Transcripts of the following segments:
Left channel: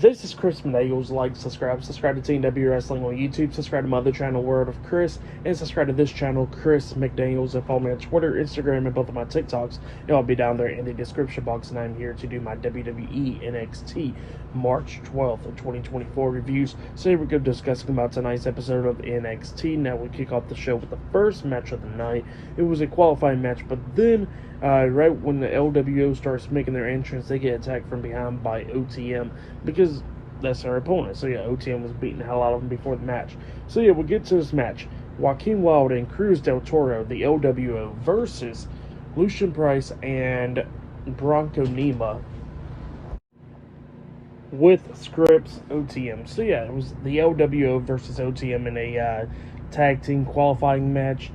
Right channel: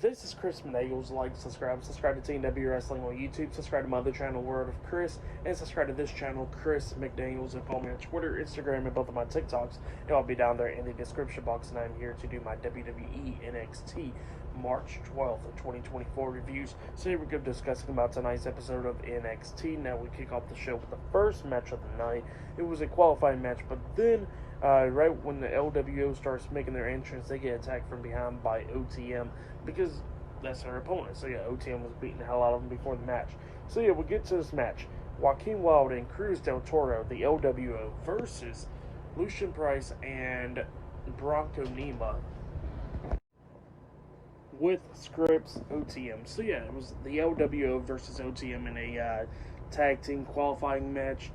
This is Chris Menagles. Like, subscribe to Team W Wrestling on YouTube, subscribe to my other channel, Word of Chris, and subscribe to this channel, Chris McDaniels, and follow me on Twitter, Instagram, and both of my TikToks. It'll be down there in the description box, and I'm here to do my WWE NXT March 12th of 2024 reviews. So here we go, discussing about tonight's episode of NXT. Now we kick off the show with the first match of the night. It was a qualifying match, but then right when the LWO starts making their entrance, they get attacked from behind by OTM because that's their opponent. So yeah, OTM was beating the hell out of them before the match. So yeah, we'll get to this match. Joaquin Wilde and Cruz del Toro, the LWO, versus Lucian Price and Bronco Nima with Scripps OTM. So yeah, it was the LWO versus OTM in a tag team qualifying match.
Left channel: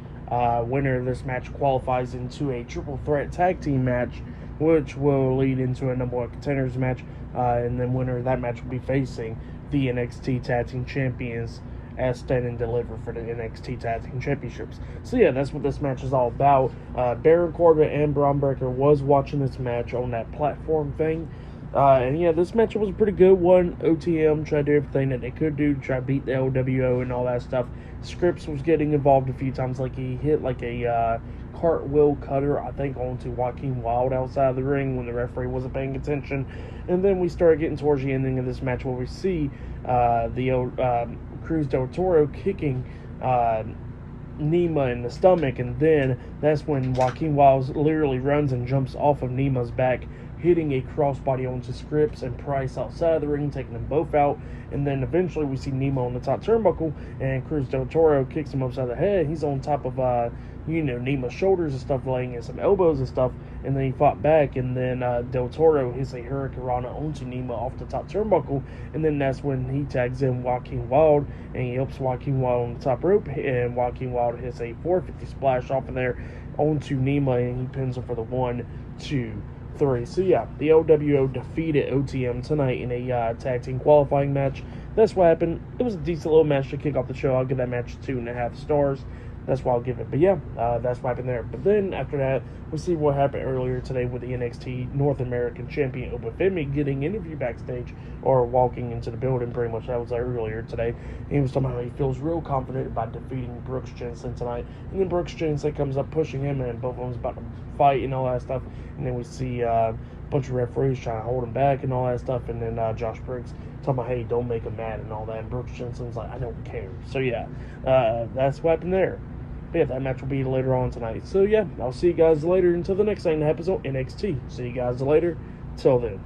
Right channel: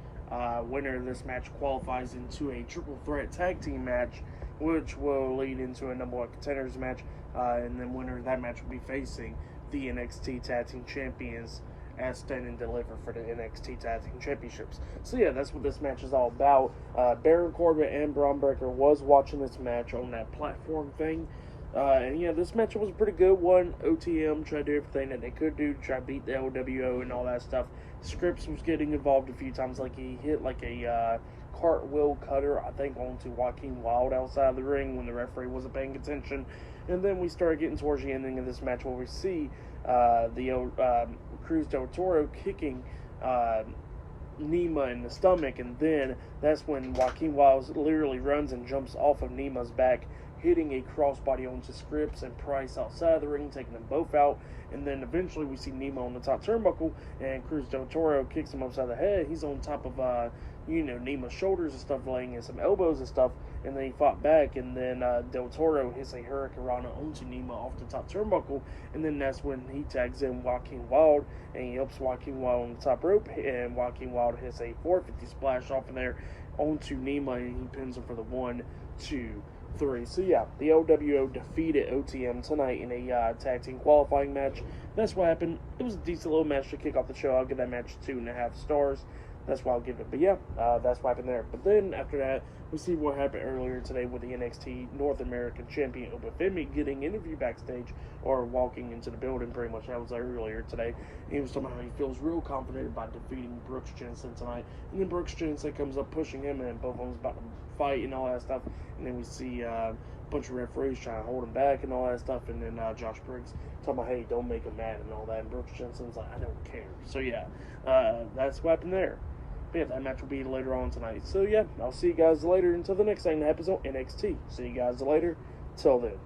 Winner of this match qualifies into a triple threat tag team match, which will lead into a number one contenders match, and then winner of that match will be facing the NXT Tag Team Champions as Stand and Deliver for the NXT Tag Team Championships. So yeah, that's what this match is all about. Baron Corbin and Braun Breaker was watching this match on that platform thing. And yeah, this match was a pretty good one. OTM tried to do everything that they could do to try to beat the LWO and all that stuff. Scripps was getting involved a few times, like he hit like a cartwheel cutter, I think, onto Joaquin Wilde outside of the ring when the referee wasn't paying attention. And then we started getting towards the ending of this match where we see Cruz del Toro kicking Nima in the stomach, and then that's when Joaquin Wilde literally runs and jumps off of Nima's back, hitting a crossbody onto Scripps and Price outside of the ring, taking them both out. And then eventually we see Nima on the top turnbuckle, and Cruz del Toro kicks him upside the head. He's on top of Nima's shoulders and stuff, laying in some elbows and stuff, and then he fought back, and then del Toro hits a hurricanrana onto Nima off the top turnbuckle, and then that's when he tags in Joaquin Wilde, and he helps Joaquin Wilde on the top rope, and Joaquin Wilde hits a 450 splash off of there onto Nima, and he pins him for the 1, 2, 3. So yeah, the LWO defeated OTM tonight in a tag team qualifying match. That's what happened. It was a decent little match to kick off the show. I'll give that match 2.5 stars. That's what I'll give it. But yeah, that's what happened there. But then after that, we see what happened earlier today with the NXT North American Champion Open Femi getting interviewed backstage, or walking into the building, pretty much. That was earlier today. He was talking about he feels real confident about defeating Brooks Jensen tonight. And then Brooks Jensen comes up pushing him, and both of them's about to fight and all that stuff. And then we see a bunch of referees trying to hold him back and all that stuff. And then Josh Briggs talking about, hey, don't make him mad and all that. And Brooks Jensen's like, I don't care. So yeah, that's what happened there. But yeah, that match will be later on tonight. So yeah, I'll see you guys later until the next thing that happens on NXT. See you guys later. Till then.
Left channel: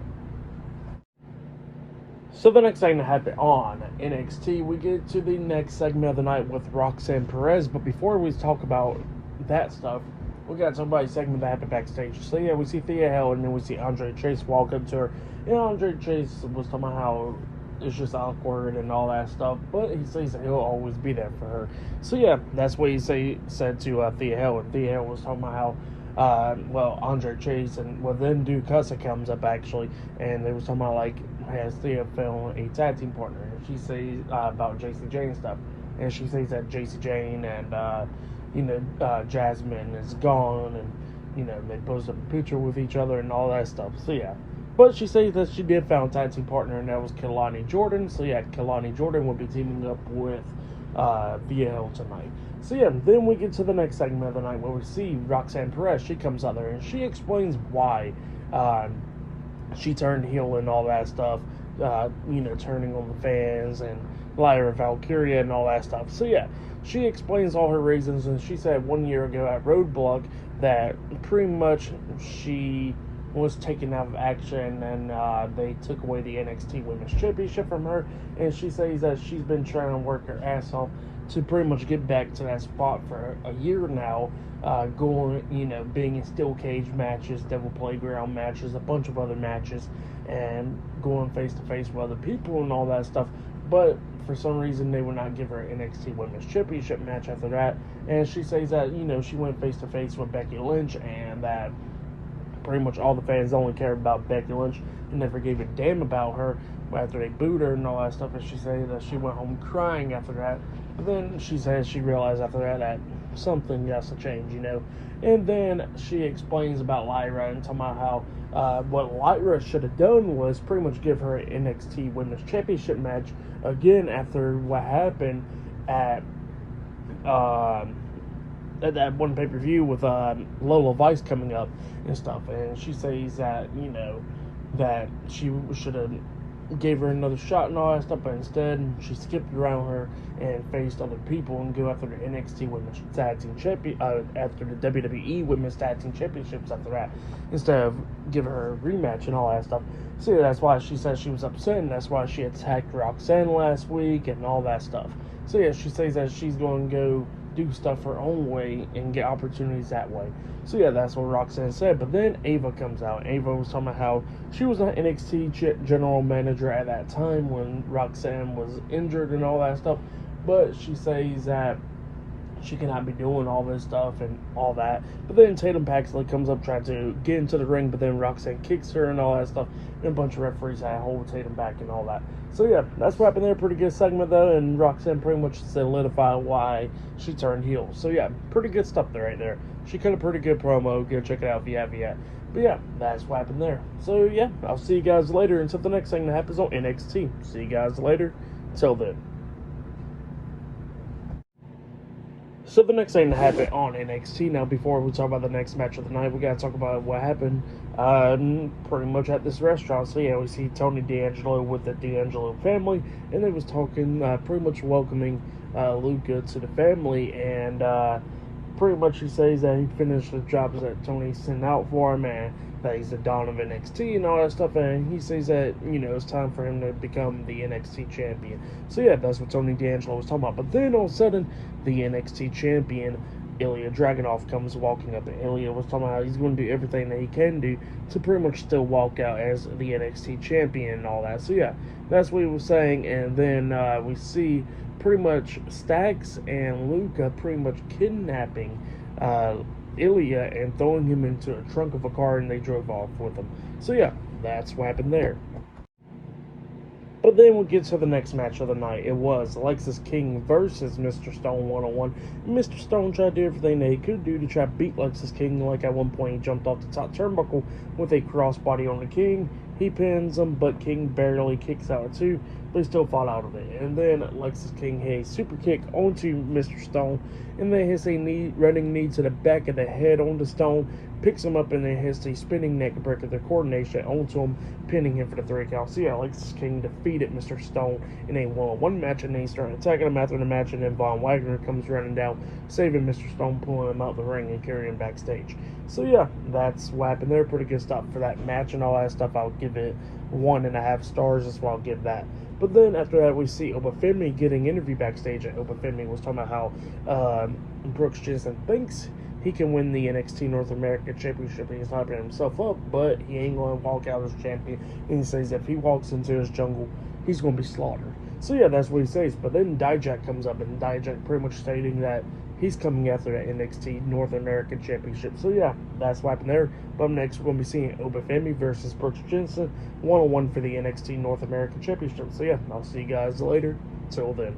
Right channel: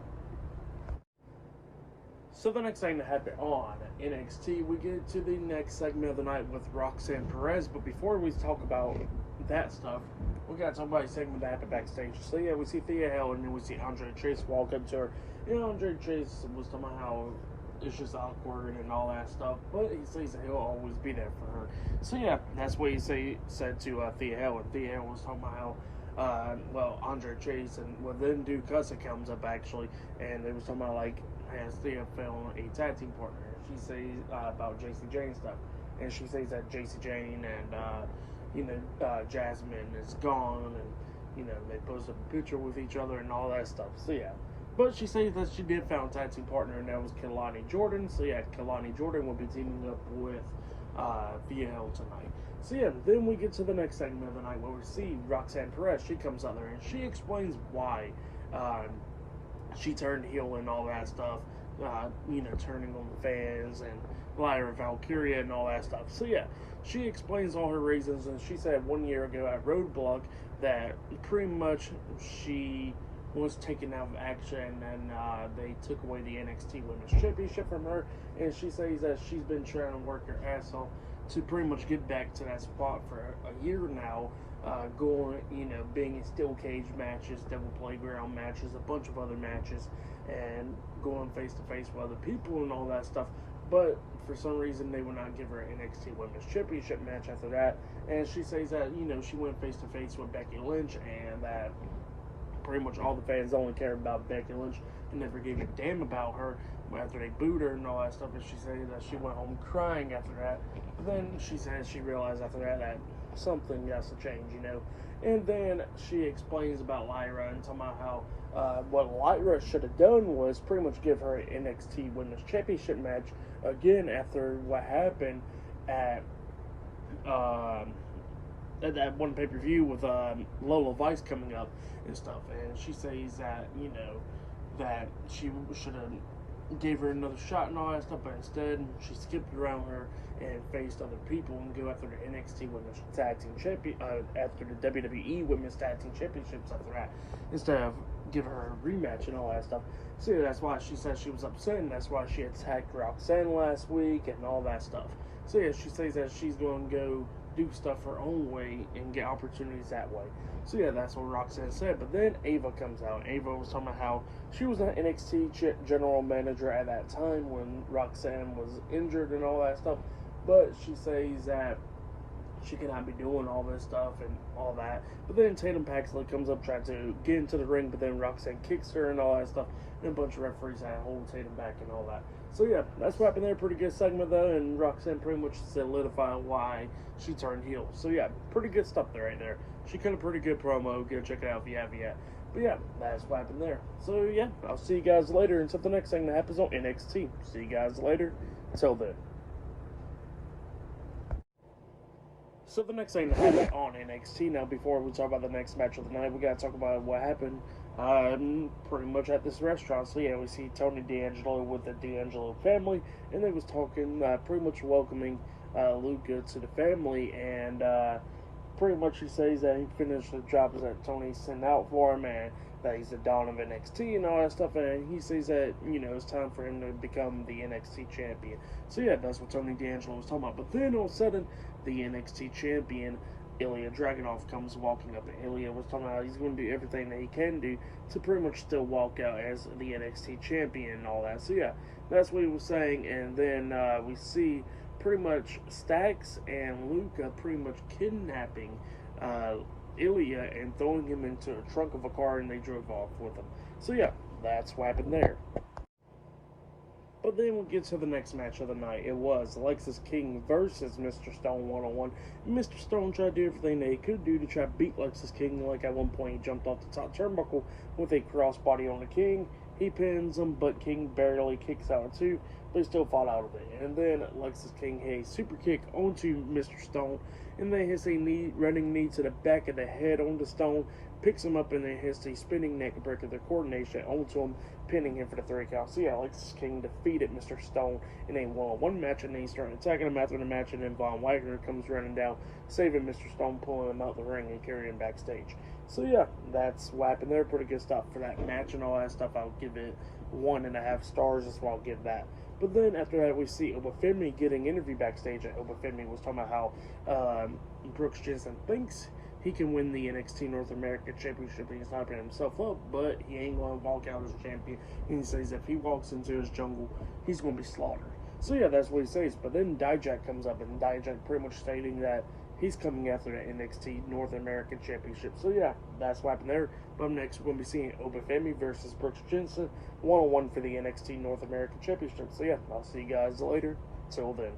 So the next thing that happened on NXT, we get to the next segment of the night with Roxanne Perez. But before we talk about that stuff, we got somebody's segment that happened backstage. So yeah, we see Thea Hale, and then we see Andre Chase walk up to her. And Andre Chase was talking about how it's just awkward and all that stuff, but he says that he'll always be there for her. So yeah, that's what he said to Thea Hale. And Thea Hale was talking about how Andre Chase and then Duke Cussa comes up actually, and they was talking about like, has Thea found a tag team partner, and she says about JC Jane stuff, and she says that JC Jane and Jasmine is gone, and they posted a picture with each other and all that stuff. So yeah. But she says that she did found a tag team partner, and that was Kelani Jordan. So yeah, Kelani Jordan will be teaming up with VL tonight. So yeah, then we get to the next segment of the night where we see Roxanne Perez. She comes out there and she explains why she turned heel and all that stuff. Turning on the fans and Lyra Valkyria and all that stuff. So yeah, she explains all her reasons, and she said 1 year ago at Roadblock that pretty much she was taken out of action, and they took away the NXT Women's Championship from her, and she says that she's been trying to work her ass off to pretty much get back to that spot for a year now, being in steel cage matches, Devil Playground matches, a bunch of other matches, and going face to face with other people and all that stuff. But for some reason, they would not give her an NXT Women's Championship match after that. And she says that, she went face to face with Becky Lynch, and that pretty much all the fans only cared about Becky Lynch and never gave a damn about her after they booed her and all that stuff. And she said that she went home crying after that. But then she said she realized after that something has to change, And then she explains about Lyra and talking about how What Lyra should have done was pretty much give her an NXT Women's Championship match again after what happened at uh, that one pay-per-view with Lola Vice coming up and stuff. And she says that, that she should have gave her another shot and all that stuff, but instead she skipped around her and faced other people and go after the NXT Women's Tag Team Champion, after the WWE Women's Tag Team Championships after that, instead of giving her a rematch and all that stuff. So that's why she says she was upset, and that's why she attacked Roxanne last week and all that stuff. So yeah, she says that she's going to go do stuff her own way and get opportunities that way. So yeah, that's what Roxanne said. But then Ava comes out. Ava was talking about how she was an NXT general manager at that time when Roxanne was injured and all that stuff. But she says that she cannot be doing all this stuff and all that. But then Tatum Paxley comes up trying to get into the ring, but then Roxanne kicks her and all that stuff. And a bunch of referees had to hold Tatum back and all that. So yeah, that's what happened there. Pretty good segment though, and Roxanne pretty much solidified why she turned heel. So yeah, pretty good stuff there right there. She cut a pretty good promo. Go check it out if you have yet. But yeah, that's what happened there. So yeah, I'll see you guys later until the next thing that happens on NXT. See you guys later. Until then. So the next thing that happened on NXT, now before we talk about the next match of the night, we gotta talk about what happened pretty much at this restaurant. So yeah, we see Tony D'Angelo with the D'Angelo family, and they was talking, pretty much welcoming Luca to the family, and pretty much he says that he finished the jobs that Tony sent out for him, and that he's the Dawn of NXT and all that stuff, and he says that, it's time for him to become the NXT champion. So yeah, that's what Tony D'Angelo was talking about. But then all of a sudden, the NXT champion, Ilya Dragunov, comes walking up, and Ilya was talking about how he's going to do everything that he can do to pretty much still walk out as the NXT champion and all that. So yeah, that's what he was saying, and then we see pretty much Stax and Luca pretty much kidnapping Ilya and throwing him into a trunk of a car, and they drove off with him. So yeah, that's what happened there. But then we'll get to the next match of the night. It was Lexis King versus Mr. Stone 101. Mr. Stone tried to do everything that he could do to try to beat Lexis King. Like at one point, he jumped off the top turnbuckle with a crossbody on the King. He pins him, but King barely kicks out of two, but he still fought out of it. And then Lexis King hit a super kick onto Mr. Stone, and then hits a running knee to the back of the head onto Stone, picks him up, and then hits a spinning neck breaker, the coordination onto him, pinning him for the 3 count. So yeah, Lexis King defeated Mr. Stone in a one-on-one match, and then he started attacking him after the match, and then Von Wagner comes running down, saving Mr. Stone, pulling him out of the ring and carrying him backstage. So yeah, that's what happened there. Pretty good stuff for that match and all that stuff. I'll give it 1.5 stars. That's what I'll give that. But then after that, we see Obafemi getting interviewed backstage, and Obafemi was talking about how Brooks Jensen thinks he can win the NXT North American Championship. He's hyping himself up, but he ain't going to walk out as champion. And he says if he walks into his jungle, he's going to be slaughtered. So yeah, that's what he says. But then Dijak comes up, and Dijak pretty much stating that he's coming after the NXT North American Championship. So yeah, that's what happened there. But up next, we're going to be seeing Obafemi versus Brooks Jensen, 1-on-1 for the NXT North American Championship. So yeah, I'll see you guys later. Till then.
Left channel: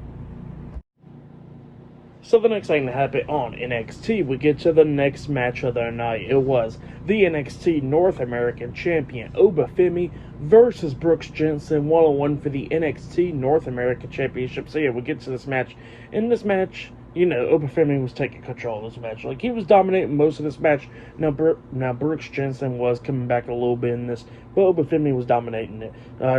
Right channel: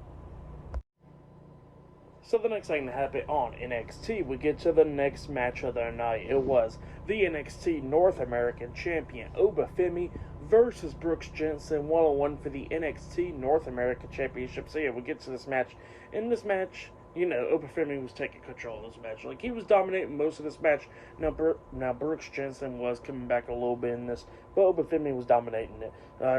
So the next thing that happened on NXT, we get to the next match of the night. It was the NXT North American Champion Obafemi versus Brooks Jensen, 1-on-1 for the NXT North American Championship. So yeah, we get to this match. In this match, Obafemi was taking control of this match. Like, he was dominating most of this match. Now Brooks Jensen was coming back a little bit in this, but Obafemi was dominating it.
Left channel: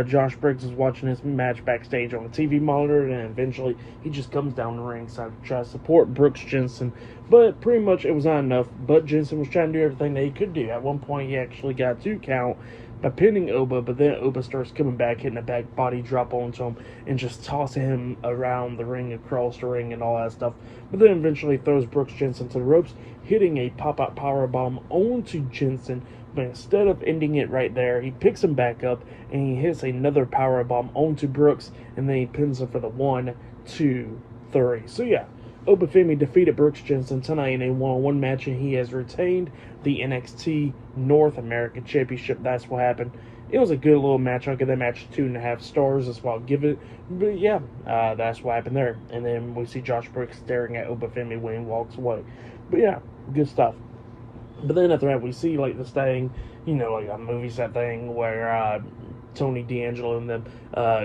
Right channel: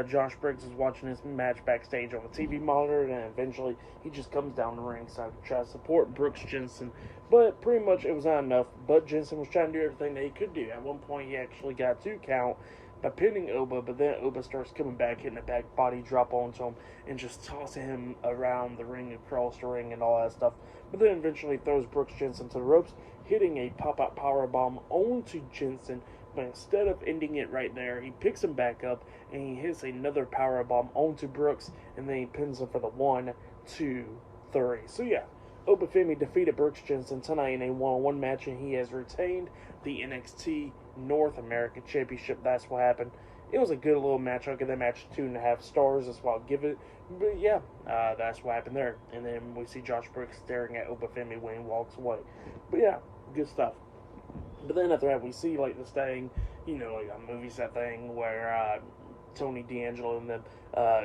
Josh Briggs was watching his match backstage on the TV monitor, and eventually he just comes down the ringside to try to support Brooks Jensen. But pretty much it was not enough. But Jensen was trying to do everything that he could do. At one point, he actually got a 2 count by pinning Oba, but then Oba starts coming back, hitting a back body drop onto him, and just tossing him around the ring, across the ring, and all that stuff. But then eventually throws Brooks Jensen to the ropes, hitting a pop-out powerbomb onto Jensen. But instead of ending it right there, he picks him back up, and he hits another powerbomb onto Brooks, and then he pins him for the 1, 2, 3. So yeah, Obafemi defeated Brooks Jensen tonight in a 1-on-1 match, and he has retained the NXT North American Championship. That's what happened. It was a good little match. I'll give that match 2.5 stars. That's what I'll give it. But yeah, that's what happened there. And then we see Josh Brooks staring at Obafemi when he walks away. But yeah, good stuff. But then after that, we see like this thing, like a movie set thing where Tony D'Angelo and them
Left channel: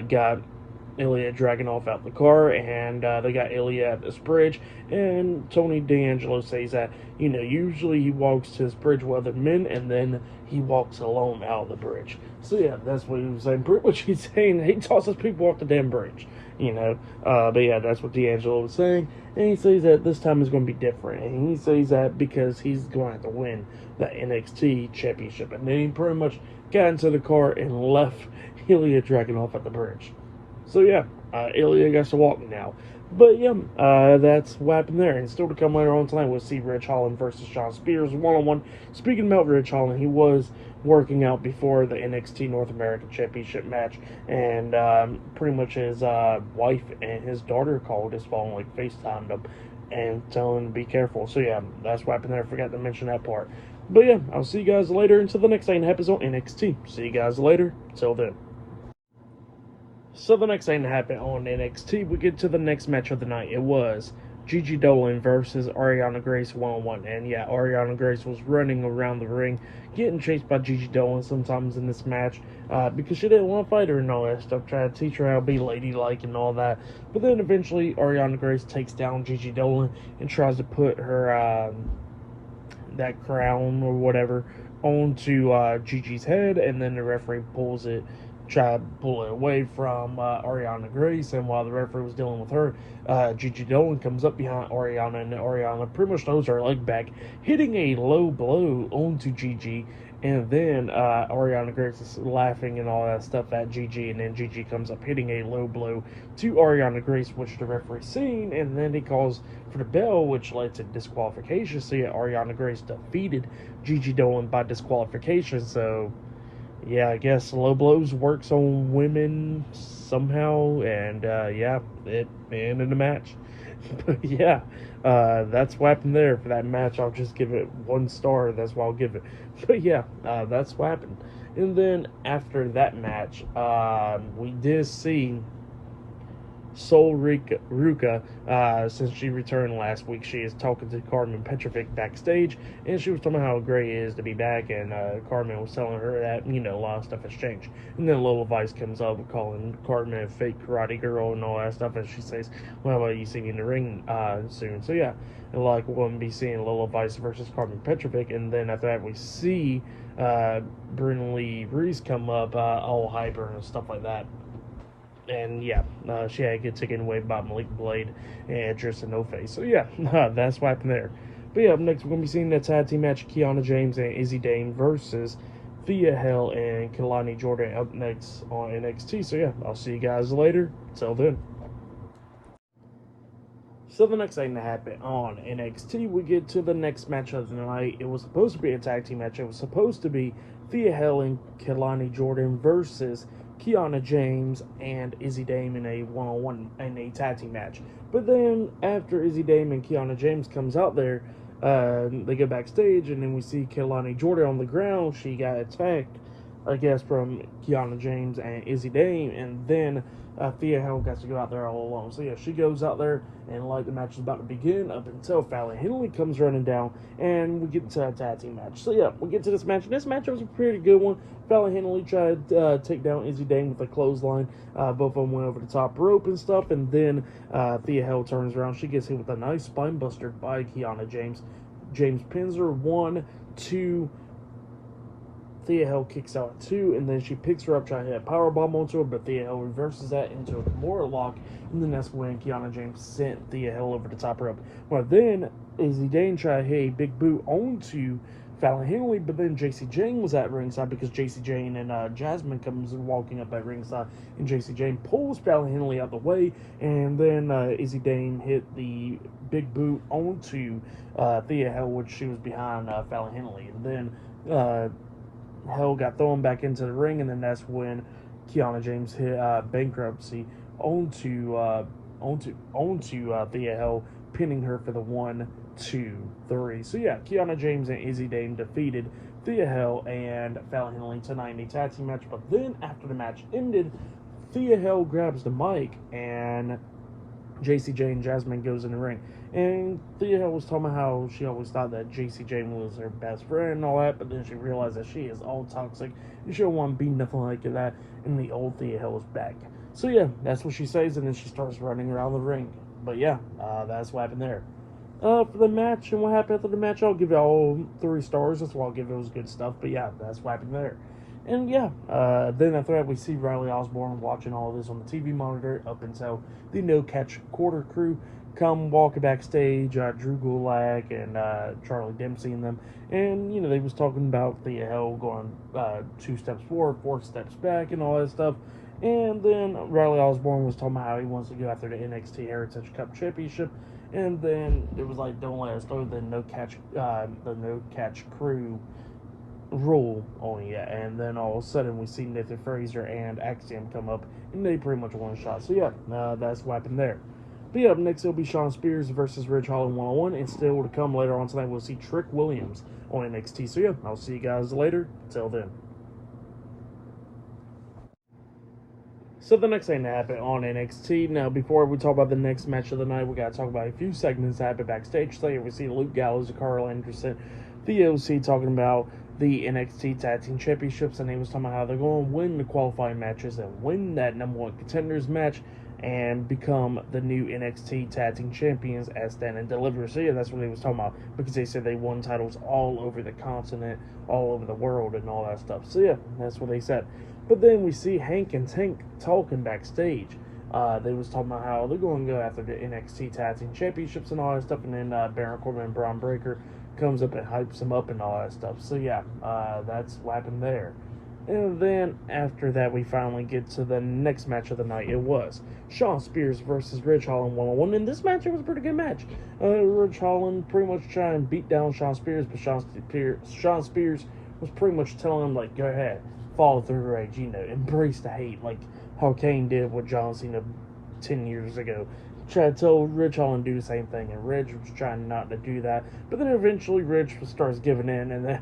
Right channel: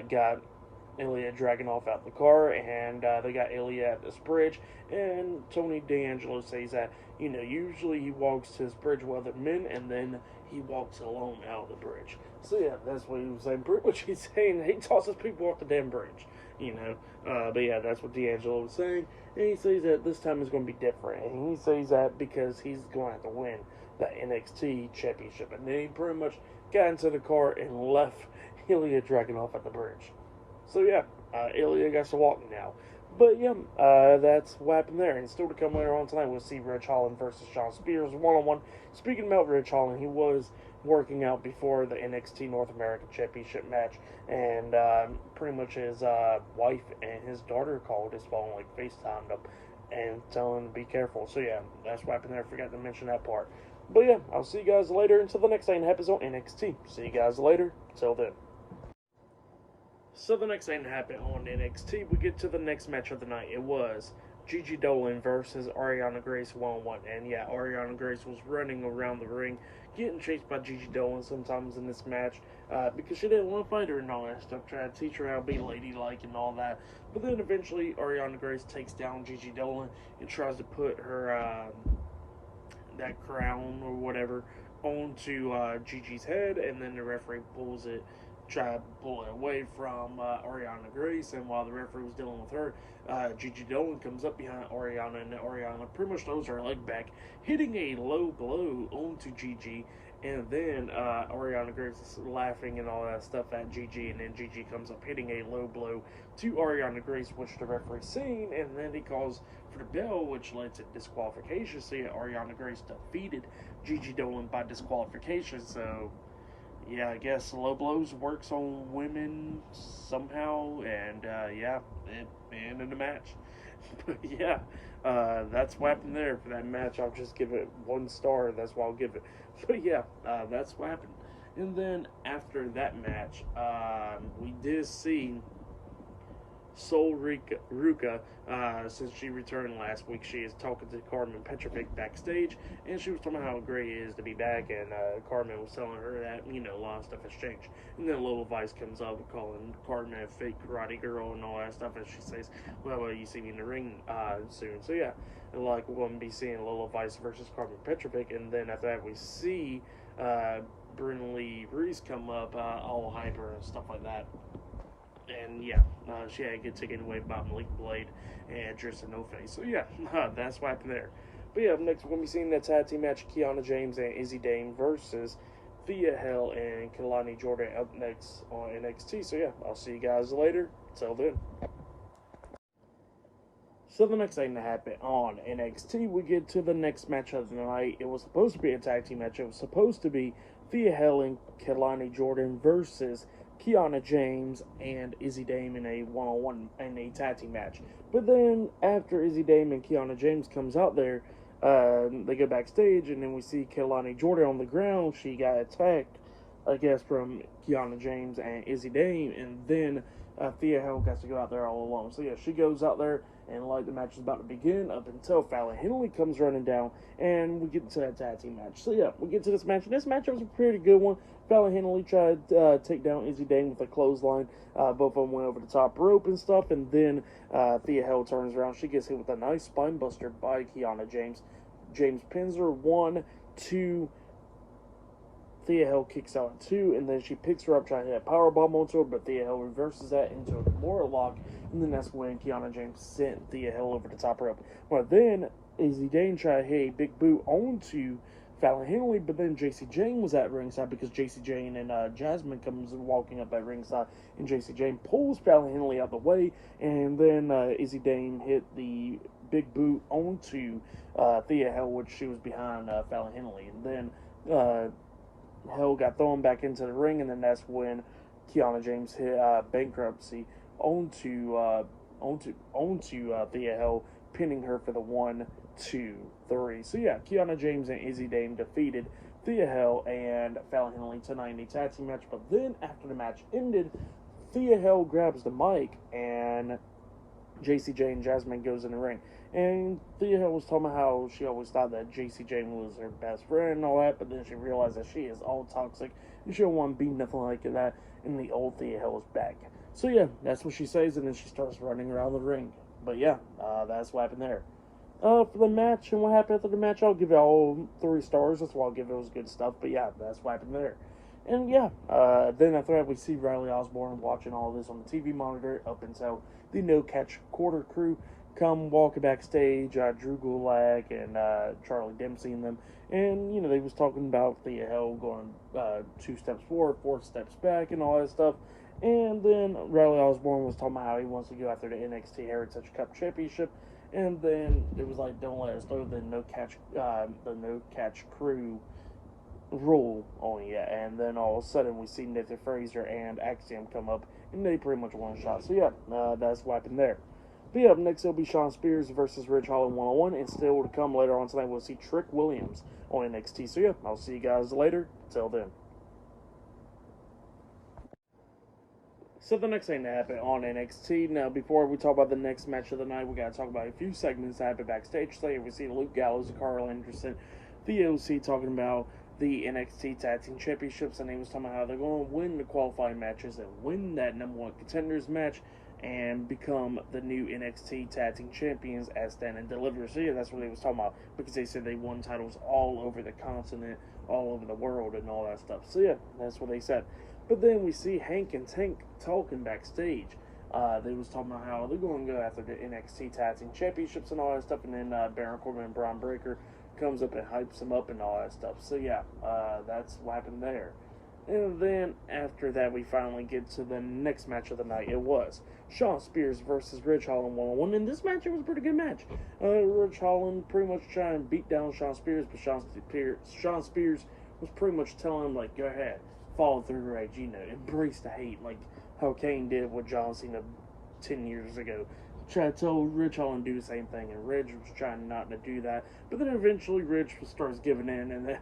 got Ilya Dragunov out the car, and they got Ilya at this bridge, and Tony D'Angelo says that, usually he walks to this bridge with other men, and then he walks alone out of the bridge. So yeah, that's what he was saying. Pretty much he's saying he tosses people off the damn bridge, but yeah, that's what D'Angelo was saying, and he says that this time is going to be different, and he says that because he's going to have to win the NXT championship, and then he pretty much got into the car and left Ilya Dragunov at the bridge. So yeah, Ilya gets to walk now. But yeah, that's what happened there. And still to come later on tonight, we'll see Ridge Holland versus Shawn Spears one-on-one. Speaking about Ridge Holland, he was working out before the NXT North American Championship match, and pretty much his wife and his daughter called his phone, like FaceTimed him, and telling him to be careful. So yeah, that's what happened there. I forgot to mention that part. But yeah, I'll see you guys later until the next thing that happens on NXT. See you guys later. Till then. So the next thing that happened on NXT, we get to the next match of the night. It was Gigi Dolan versus Ariana Grace one-on-one. And yeah, Ariana Grace was running around the ring, getting chased by Gigi Dolan sometimes in this match, because she didn't want to fight her and all that stuff, trying to teach her how to be ladylike and all that. But then eventually Ariana Grace takes down Gigi Dolan and tries to put her that crown or whatever onto Gigi's head, and then the referee try to pull it away from Ariana Grace, and while the referee was dealing with her, Gigi Dolan comes up behind Ariana, and Ariana pretty much throws her leg back, hitting a low blow onto Gigi, and then Ariana Grace is laughing and all that stuff at Gigi, and then Gigi comes up hitting a low blow to Ariana Grace, which the referee seen, and then he calls for the bell, which led to disqualification. So yeah, Ariana Grace defeated Gigi Dolan by disqualification. So yeah, I guess low blows works on women somehow, and yeah, it ended the match. But yeah, that's what happened there for that match. I'll just give it 1 star. That's what I'll give it. But yeah, that's what happened. And then after that match, we did see Sol Ruka, since she returned last week, she is talking to Carmen Petrovic backstage, and she was talking about how great it is to be back, and Carmen was telling her that, a lot of stuff has changed. And then Lola Vice comes up calling Carmen a fake karate girl and all that stuff, and she says, well, you see me in the ring soon. So yeah, and like we're going to be seeing Lola Vice versus Carmen Petrovic, and then after that we see Brynn Lee Reese come up, all hyper and stuff like that. And yeah, she had to get taken away by Malik Blade and Tristan No Face. So yeah, that's what happened there. But yeah, up next we're going to be seeing the tag team match, Kiana James and Izzy Dane versus Thea Hale and Kelani Jordan up next on NXT. So yeah, I'll see you guys later. Till then. So the next thing that happened on NXT, we get to the next match of the night. It was supposed to be a tag team match. It was supposed to be Thea Hale and Kelani Jordan versus Kiana James and Izzy Dame in a one-on-one in a tag team match. But then after Izzy Dame and Kiana James comes out there, they go backstage, and then we see Kelani Jordan on the ground. She got attacked, I guess, from Kiana James and Izzy Dame, and then Thea Hale gets to go out there all alone. So yeah, she goes out there, and like the match is about to begin, up until Fallon Henley comes running down, and we get to a tag team match. So yeah, we get to this match. This match was a pretty good one. Fallon Henley tried to take down Izzy Dane with a clothesline. Both of them went over the top rope and stuff, and then Thea Hale turns around. She gets hit with a nice spine buster by Kiana James. James pins her 1, 2. Thea Hale kicks out at 2, and then she picks her up, trying to hit a powerbomb onto her, but Thea Hale reverses that into a Kimura lock, and then that's when Kiana James sent Thea Hale over the top rope. Well, then Izzy Dane tried to hit a big boot onto Fallon Henley, but then JC Jane was at ringside, because JC Jane and Jasmine comes walking up at ringside, and JC Jane pulls Fallon Henley out the way, and then Izzy Dane hit the big boot onto Thea Hale, which she was behind Fallon Henley, and then Hale got thrown back into the ring, and then that's when Kiana James hit bankruptcy onto Thea Hale, pinning her for the 1, 2, 3. So yeah, Kiana James and Izzy Dane defeated Thea Hale and Fallon Henley tonight in a tag team match. But then after the match ended, Thea Hale grabs the mic, and JC Jane and Jasmine goes in the ring. And Thea was talking about how she always thought that JC Jane was her best friend and all that, but then she realized that she is all toxic and she don't want to be nothing like that. And the old Thea Hill is back. So yeah, that's what she says, and then she starts running around the ring. But yeah, that's what happened there. For the match and what happened after the match, I'll give it all 3 stars. That's why I'll give it was good stuff. But yeah, that's what happened there. And yeah, then after that, we see Riley Osborne watching all of this on the TV monitor up until the No Catch Quarter crew come walking backstage. Drew Gulak and Charlie Dempsey and them. And, you know, they was talking about the hell going 2 steps forward, 4 steps back, and all that stuff. And then Riley Osborne was talking about how he wants to go after the NXT Heritage Cup Championship. And then it was like, don't let us throw the no catch crew rule on you. And then all of a sudden we see Nathan Fraser and Axiom come up, and they pretty much one shot. So yeah, that's what happened there. But yeah, up next it'll be Shawn Spears versus Ridge Holland 1-on-1, and still to come later on tonight we'll see Trick Williams on NXT. So yeah, I'll see you guys later. Till then. So the next thing that happened on NXT. Now, before we talk about the next match of the night, we got to talk about a few segments that happened backstage. So here we see Luke Gallows and Carl Anderson, the OC, talking about the NXT Tag Team Championships, and they was talking about how they're going to win the qualifying matches and win that #1 contenders match and become the new NXT Tag Team Champions as Stand and Deliver. So yeah, that's what they was talking about, because they said they won titles all over the continent, all over the world, and all that stuff. So yeah, that's what they said. But then we see Hank and Tank talking backstage. They was talking about how they're going to go after the NXT Tag Team Championships and all that stuff, and then Baron Corbin and Braun Breaker comes up and hypes him up and all that stuff. So yeah, that's what happened there. And then after that, we finally get to the next match of the night. It was Shawn Spears versus Ridge Holland 1-on-1. And this match, it was a pretty good match. Ridge Holland pretty much trying to beat down Shawn Spears, but Shawn Spears was pretty much telling him, like, go ahead, follow through rage, you know, embrace the hate, like how Kane did with John Cena 10 years ago. Tried to tell Ridge Holland to do the same thing, and Ridge was trying not to do that, but then eventually Ridge starts giving in, and then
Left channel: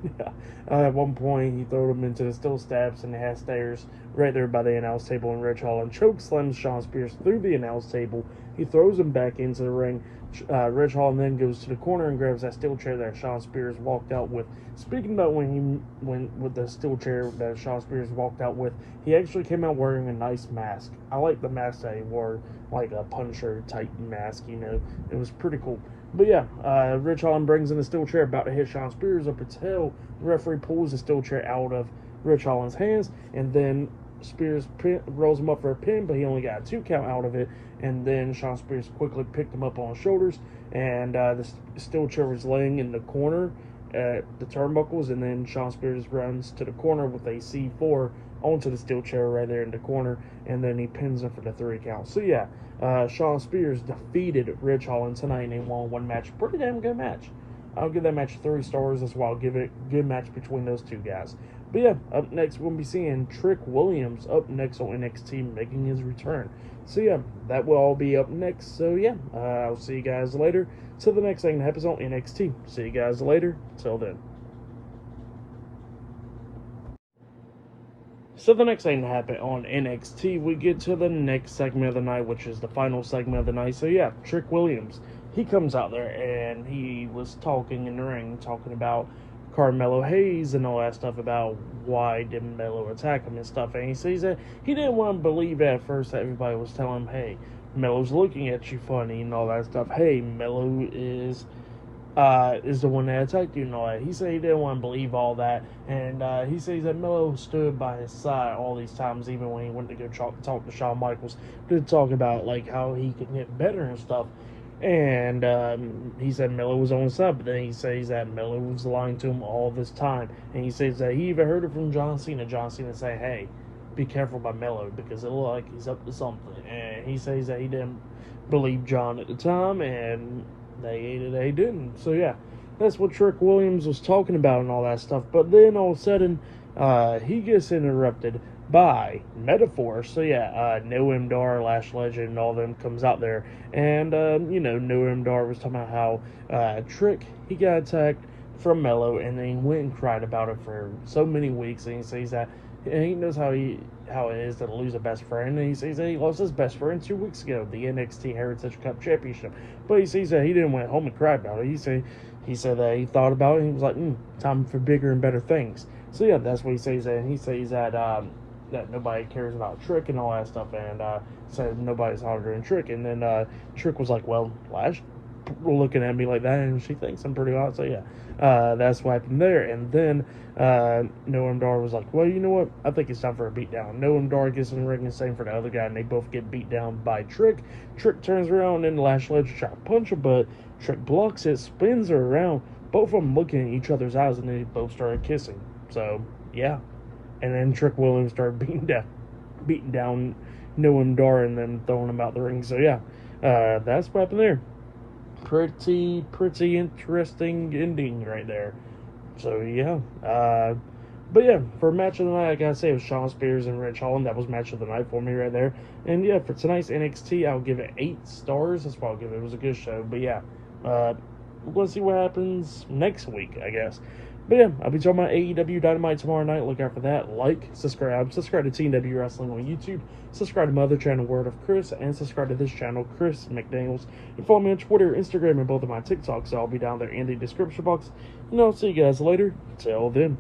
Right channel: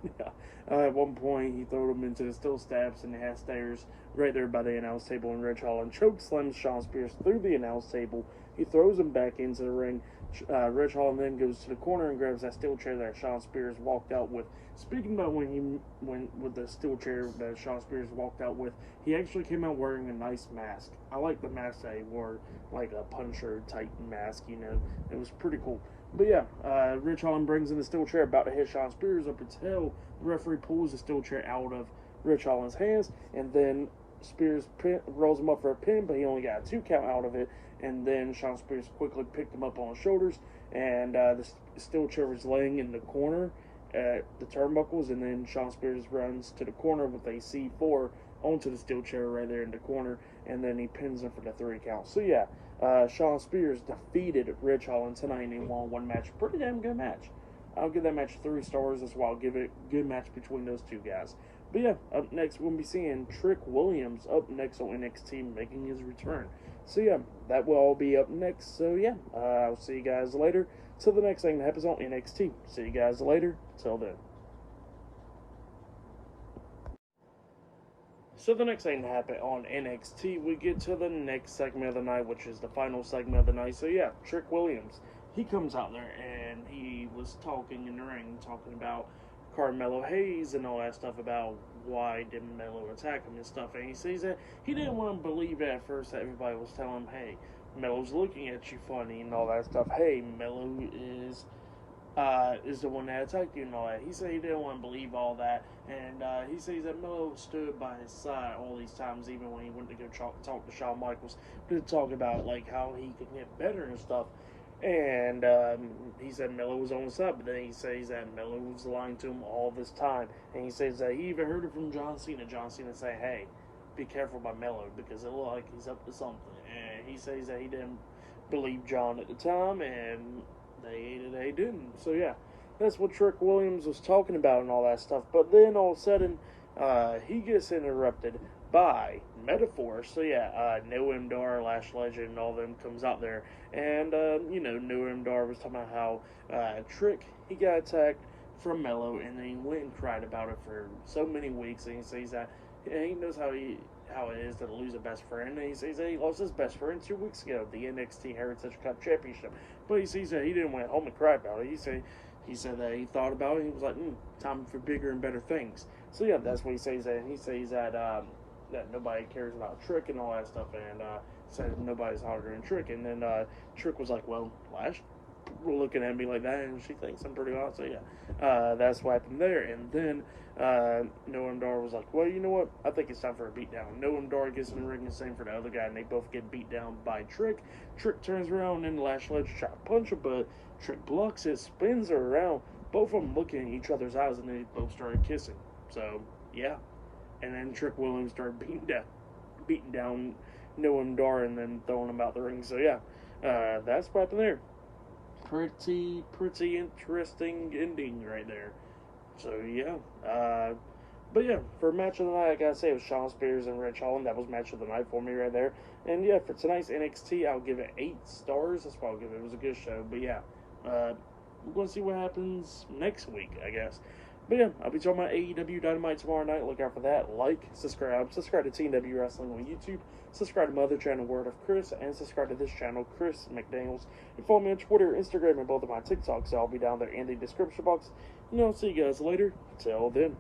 at one point he threw him into the steel steps, and they had stairs right there by the announce table, and Ridge Holland chokeslams Shawn Spears through the announce table. He throws him back into the ring. Ridge Holland then goes to the corner and grabs that steel chair that Shawn Spears walked out with. Speaking about when with the steel chair that Shawn Spears walked out with, he actually came out wearing a nice mask. I like the mask that he wore, like a Punisher type mask, you know. It was pretty cool. But yeah, Ridge Holland brings in the steel chair, about to hit Shawn Spears up until the referee pulls the steel chair out of Ridge Holland's hands, and then Spears rolls him up for a pin, but he only got a 2 count out of it. And then Shawn Spears quickly picked him up on his shoulders, and the steel chair was laying in the corner at the turnbuckles, and then Shawn Spears runs to the corner with a C4 onto the steel chair right there in the corner, and then he pins him for the 3 count. So yeah, Shawn Spears defeated Ridge Holland tonight in a 1-on-1 match. Pretty damn good match. I'll give that match 3 stars. That's why I'll give it a good match between those 2 guys. But yeah, up next we'll be seeing Trick Williams up next on NXT, making his return. So yeah, that will all be up next. So yeah, I'll see you guys later. Till the next thing that happens on NXT. See you guys later. Till then. So the next thing that happened on NXT, we get to the next segment of the night, which is the final segment of the night. So yeah, Trick Williams, he comes out there and he was talking in the ring, talking about Carmelo Hayes and all that stuff, about why didn't Melo attack him and stuff. And he says that he didn't want to believe at first that everybody was telling him, hey, Melo's looking at you funny and all that stuff. Hey, Melo is the one that attacked you and all that. He said he didn't want to believe all that, and he says that Melo stood by his side all these times, even when he went to go talk to Shawn Michaels, to talk about like how he could get better and stuff. And he said Melo was on his side, but then he says that Melo was lying to him all this time, and he says that he even heard it from John Cena. John Cena saying, "Hey, be careful by Melo because it looks like he's up to something." And he says that he didn't believe John at the time, and they didn't. So yeah, that's what Trick Williams was talking about and all that stuff. But then all of a sudden, he gets interrupted by Metaphor. So yeah, Noam Dar, Lash Legend, and all them comes out there, and Noam Dar was talking about how Trick, he got attacked from Melo, and then he went and cried about it for so many weeks, and he says that, and he knows how it is to lose a best friend. And he says that he lost his best friend 2 weeks ago, the NXT Heritage Cup Championship. But he says that he didn't went home and cry about it. He said that he thought about it and he was like, time for bigger and better things. So yeah, that's what he says. And he says that that nobody cares about Trick and all that stuff, and said nobody's harder than Trick. And then Trick was like, well, Lash looking at me like that, and she thinks I'm pretty hot. So yeah, that's what happened there. And then Noam Dar was like, well, you know what? I think it's time for a beatdown. Noam Dar gets in the ring and same for the other guy, and they both get beat down by Trick. Trick turns around and Lash Ledger try to punch him, but Trick blocks it, spins her around. Both of them looking at each other's eyes, and they both started kissing. So yeah, and then Trick Williams started beating down Noam Dar and then throwing him out the ring. So yeah, that's what happened there. Pretty interesting ending right there. So yeah, but yeah, for match of the night, I gotta say it was Shawn Spears and Rich Holland. That was match of the night for me right there. And yeah, for tonight's NXT, I'll give it 8 stars. That's what I'll give it. It was a good show. But yeah, we're gonna see what happens next week, I guess. But yeah, I'll be talking about AEW Dynamite tomorrow night. Look out for that. Like, subscribe to TNW Wrestling on YouTube. Subscribe to my other channel, Word of Chris, and subscribe to this channel, Chris McDaniels. And follow me on Twitter, Instagram, and both of my TikToks. So I'll be down there in the description box. And I'll see you guys later. Till then.